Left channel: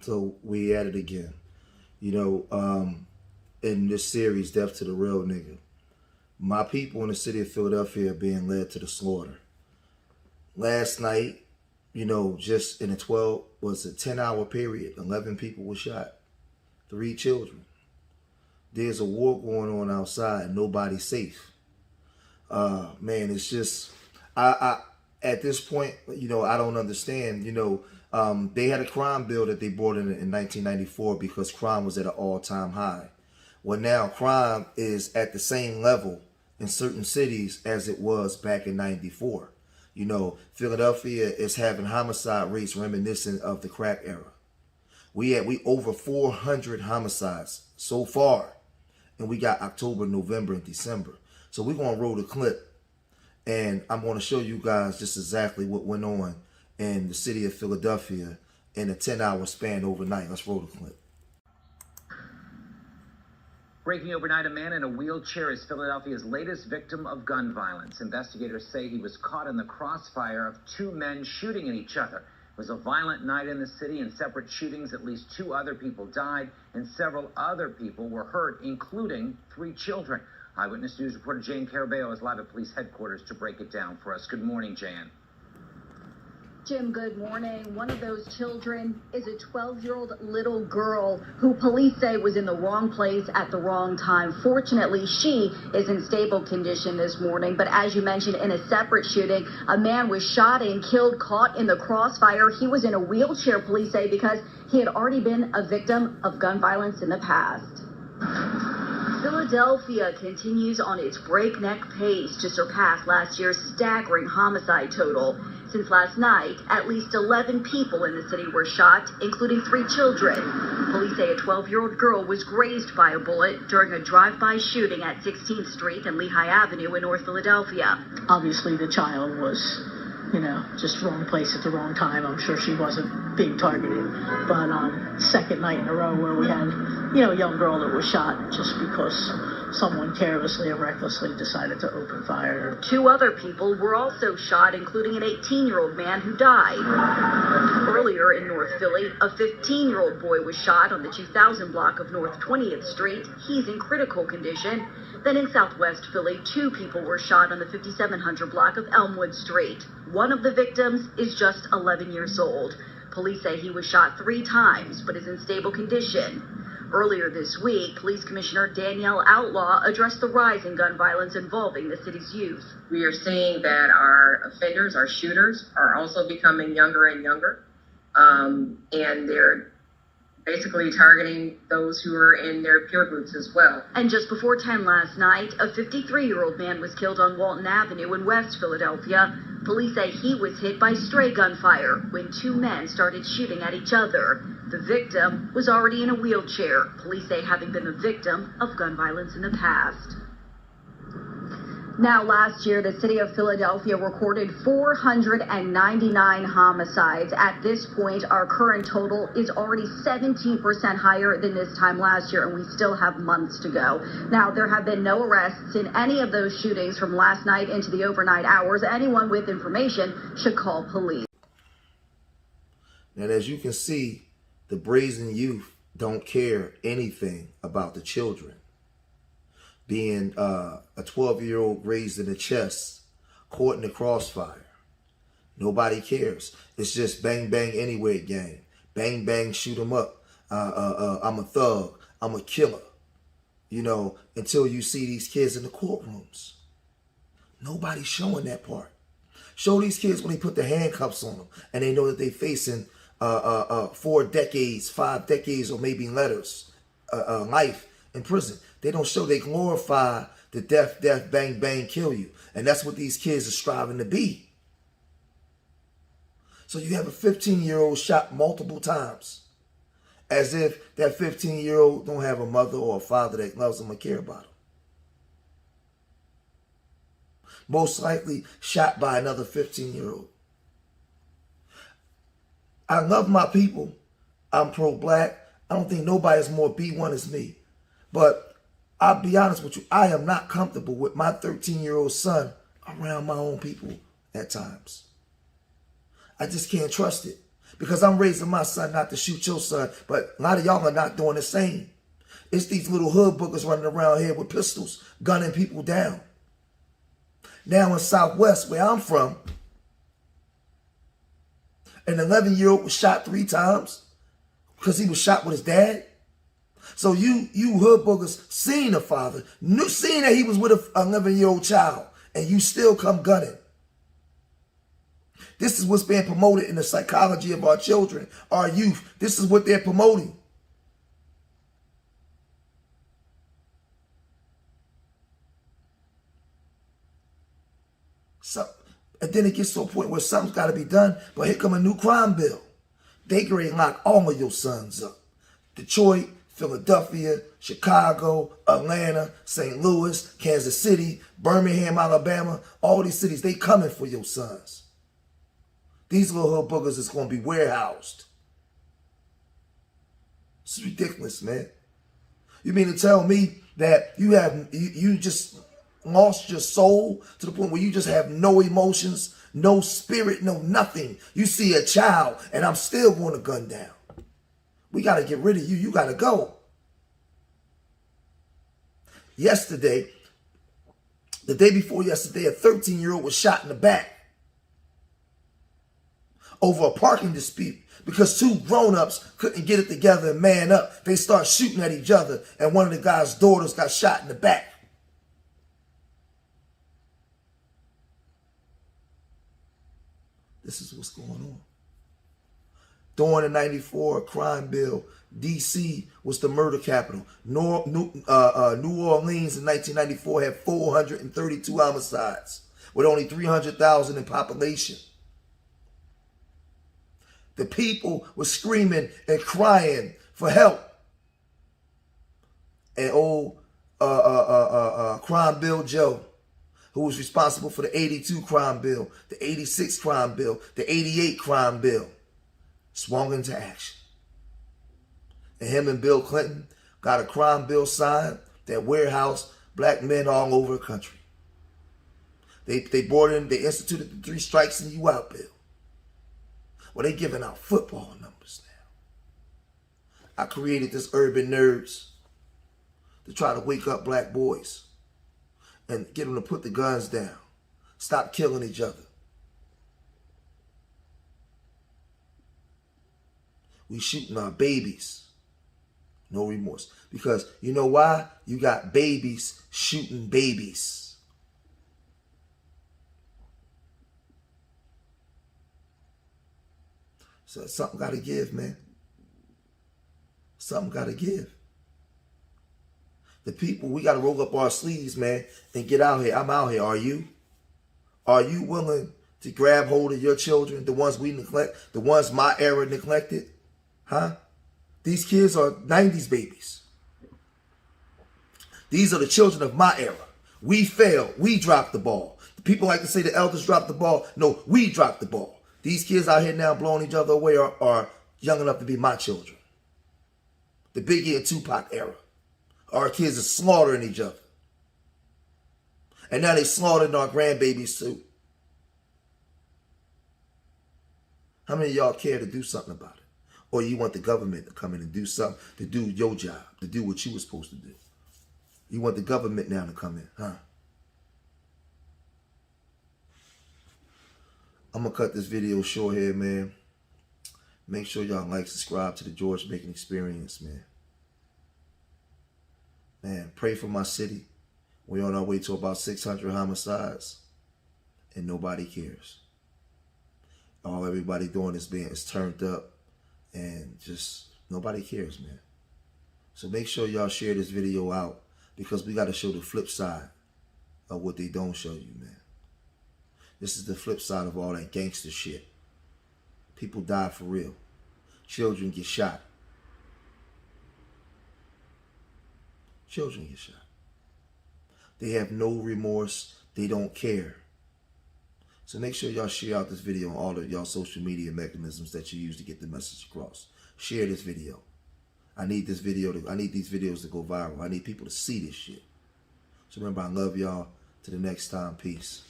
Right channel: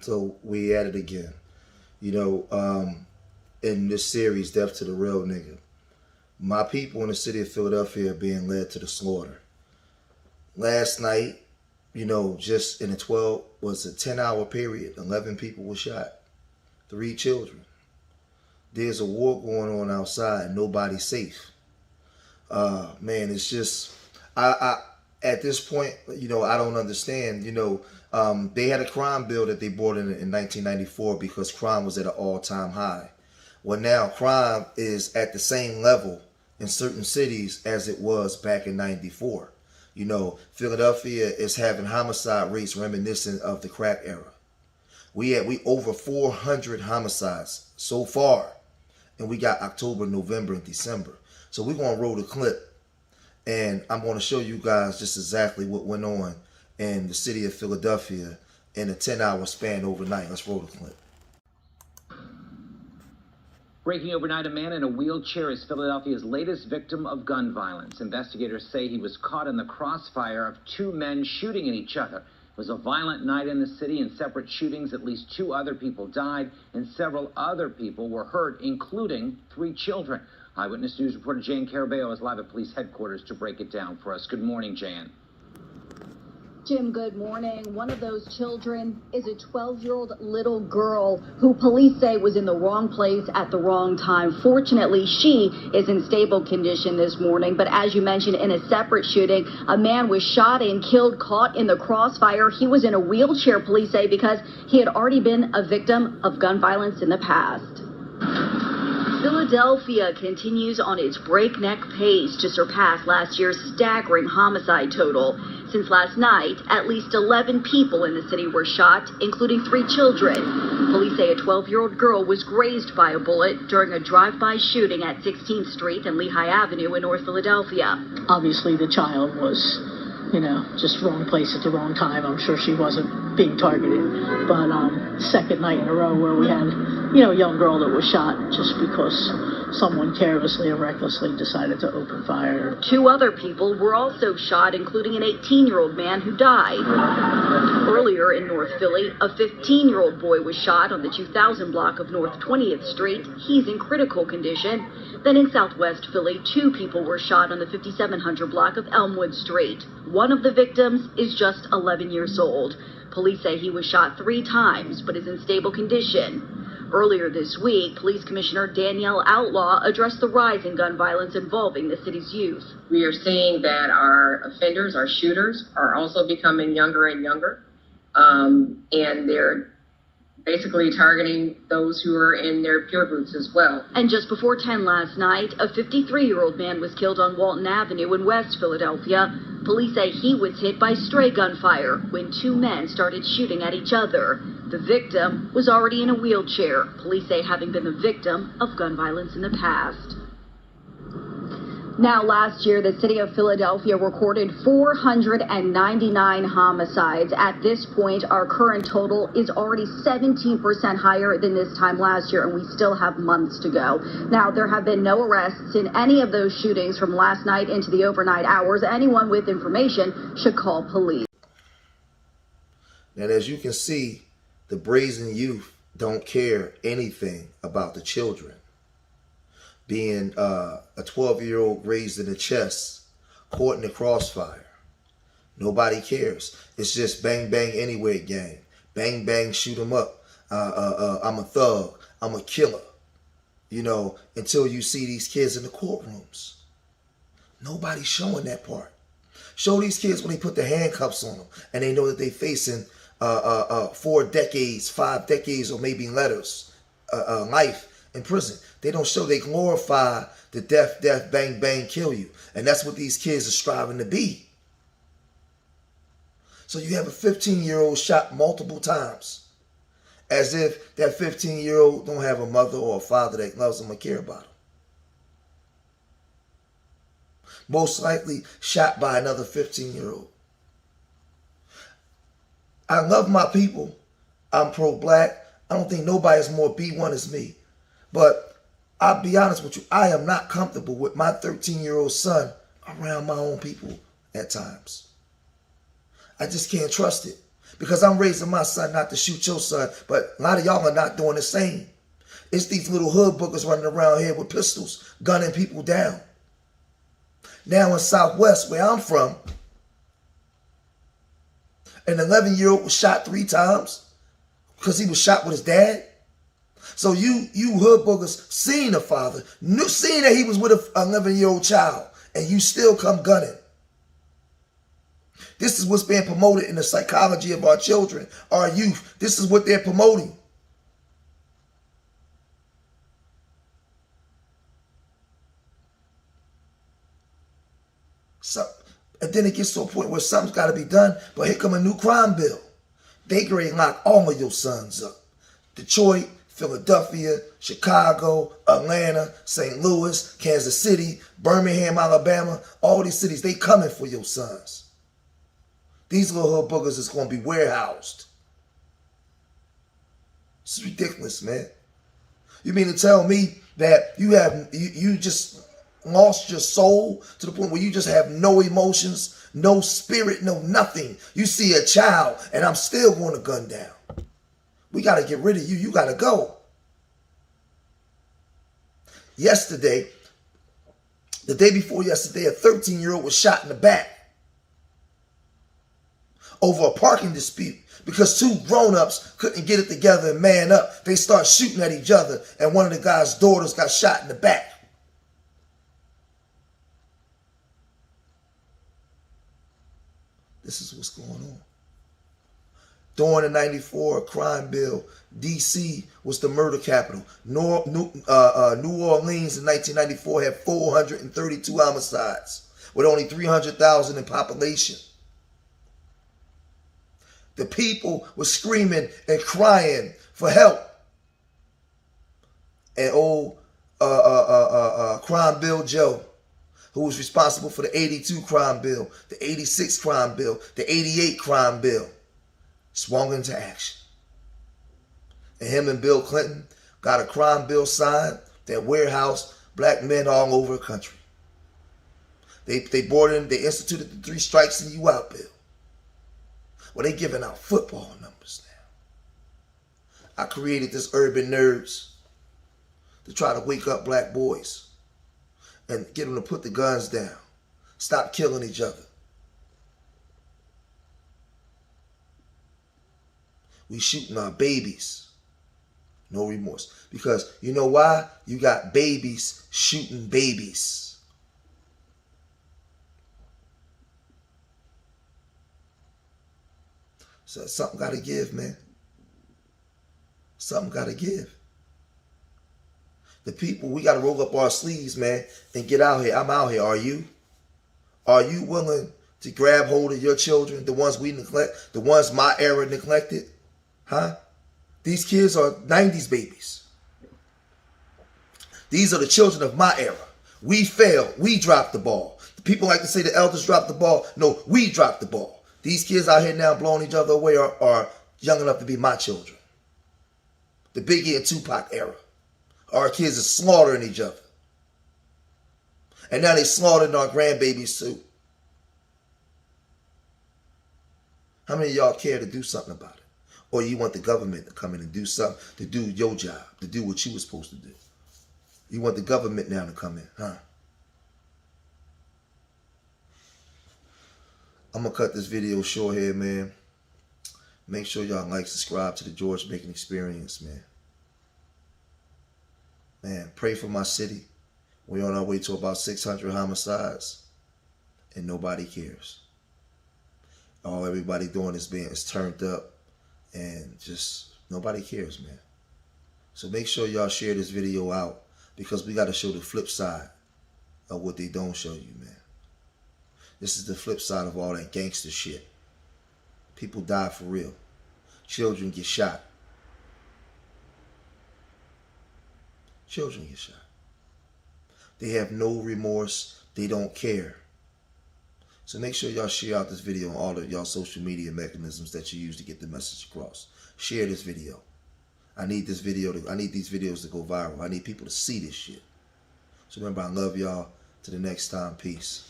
So we at it again. You know, in this series, Death to the Real Nigga, my people in the city of Philadelphia are being led to the slaughter. Last night, you know, just in a 10-hour period, 11 people were shot, 3 children. There's a war going on outside and nobody's safe. Man, it's just, I at this point, you know, I don't understand. You know, they had a crime bill that they brought in 1994 because crime was at an all-time high. Well, now crime is at the same level in certain cities as it was back in 94. You know, Philadelphia is having homicide rates reminiscent of the crack era. We over 400 homicides so far, and we got October, November, and December. So we're going to roll the clip, and I'm going to show you guys just exactly what went on in the city of Philadelphia in a 10-hour span overnight. Let's roll the clip. Breaking overnight, a man in a wheelchair is Philadelphia's latest victim of gun violence. Investigators say he was caught in the crossfire of 2 men shooting at each other. It was a violent night in the city. In separate shootings, at least 2 other people died and several other people were hurt, including 3 children. Eyewitness News reporter Jan Carabeo is live at police headquarters to break it down for us. Good morning, Jan. Jim, good morning. One of those children is a 12-year-old little girl who police say was in the wrong place at the wrong time. Fortunately, she is in stable condition this morning. But as you mentioned, in a separate shooting, a man was shot and killed, caught in the crossfire. He was in a wheelchair, police say, because he had already been a victim of gun violence in the past. Philadelphia continues on its breakneck pace to surpass last year's staggering homicide total. Since last night, at least 11 people in the city were shot, including 3 children. Police say a 12-year-old girl was grazed by a bullet during a drive-by shooting at 16th Street and Lehigh Avenue in North Philadelphia. Obviously, the child was, you know, just wrong place at the wrong time. I'm sure she wasn't being targeted. But second night in a row where we had, you know, a young girl that was shot just because someone carelessly or recklessly decided to open fire. 2 other people were also shot, including an 18-year-old man who died. Earlier in North Philly, a 15-year-old boy was shot on the 2000 block of North 20th Street. He's in critical condition. Then in Southwest Philly, 2 people were shot on the 5700 block of Elmwood Street. One of the victims is just 11 years old. Police say he was shot 3 times, but is in stable condition. Earlier this week, Police Commissioner Danielle Outlaw addressed the rise in gun violence involving the city's youth. We are seeing that our offenders, our shooters, are also becoming younger and younger, and they're basically targeting those who are in their peer groups as well. And just before 10 last night, a 53-year-old man was killed on Walton Avenue in West Philadelphia. Police say he was hit by stray gunfire when 2 men started shooting at each other. The victim was already in a wheelchair, police say having been the victim of gun violence in the past. Now, last year, the city of Philadelphia recorded 499 homicides. At this point, our current total is already 17% higher than this time last year, and we still have months to go. Now, there have been no arrests in any of those shootings from last night into the overnight hours. Anyone with information should call police. Now, as you can see, the brazen youth don't care anything about the children. Being a 12-year-old grazed in the chest, caught in the crossfire. Nobody cares. It's just bang, bang, anywhere gang. Bang, bang, shoot 'em up. I'm a thug. I'm a killer. You know, until you see these kids in the courtrooms. Nobody's showing that part. Show these kids when they put the handcuffs on them and they know that they're facing 4 decades, 5 decades, or maybe letters, life in prison. They don't show, they glorify the death, bang, bang, kill you. And that's what these kids are striving to be. So you have a 15-year-old shot multiple times, as if that 15-year-old don't have a mother or a father that loves them or care about them. Most likely shot by another 15-year-old. I love my people. I'm pro-black. I don't think nobody's more B1 as me. But I'll be honest with you, I am not comfortable with my 13-year-old son around my own people at times. I just can't trust it. Because I'm raising my son not to shoot your son, but a lot of y'all are not doing the same. It's these little hood boogers running around here with pistols, gunning people down. Now in Southwest, where I'm from, an 11-year-old was shot 3 times because he was shot with his dad. So you hood boogers seen the father, seen that he was with an 11-year-old child, and you still come gunning. This is what's being promoted in the psychology of our children, our youth. This is what they're promoting. So, and then it gets to a point where something's got to be done, but here come a new crime bill. They grade lock all of your sons up. Detroit, Philadelphia, Chicago, Atlanta, St. Louis, Kansas City, Birmingham, Alabama, all these cities, they coming for your sons. These little hood boogers is going to be warehoused. It's ridiculous, man. You mean to tell me that you just lost your soul to the point where you just have no emotions, no spirit, no nothing? You see a child and I'm still going to gun down. We got to get rid of you. You got to go. Yesterday, the day before yesterday, a 13-year-old was shot in the back over a parking dispute because 2 grown-ups couldn't get it together and man up. They start shooting at each other, and one of the guy's daughters got shot in the back. This is what's going on. During the 94 crime bill, D.C. was the murder capital. New Orleans in 1994 had 432 homicides with only 300,000 in population. The people were screaming and crying for help. And old Crime Bill Joe, who was responsible for the 82 crime bill, the 86 crime bill, the 88 crime bill, swung into action. And him and Bill Clinton got a crime bill signed that warehoused black men all over the country. They instituted the 3 strikes and you out bill. Well, they giving out football numbers now. I created this Urban Nerds to try to wake up black boys and get them to put the guns down. Stop killing each other. We shooting our babies. No remorse. Because you know why? You got babies shooting babies. So something got to give, man. Something got to give. The people, we got to roll up our sleeves, man, and get out here. I'm out here. Are you? Are you willing to grab hold of your children, the ones we neglect, the ones my era neglected? Huh? These kids are 90s babies. These are the children of my era. We failed. We dropped the ball. People like to say the elders dropped the ball. No, we dropped the ball. These kids out here now blowing each other away are young enough to be my children. The Biggie and Tupac era. Our kids are slaughtering each other. And now they slaughtering our grandbabies too. How many of y'all care to do something about it? Or you want the government to come in and do something, to do your job, to do what you were supposed to do? You want the government now to come in, huh? I'm going to cut this video short here, man. Make sure y'all like, subscribe to the George Making Experience, man. Man, pray for my city. We're on our way to about 600 homicides, and nobody cares. All everybody doing is turned up, and just nobody cares, man. So make sure y'all share this video out, because we got to show the flip side of what they don't show you, man. This is the flip side of all that gangster shit. People die for real. Children get shot. Children get shot. They have no remorse. They don't care. So make sure y'all share out this video on all of y'all social media mechanisms that you use to get the message across. Share this video. I need these videos to go viral. I need people to see this shit. So remember, I love y'all. Till the next time, peace.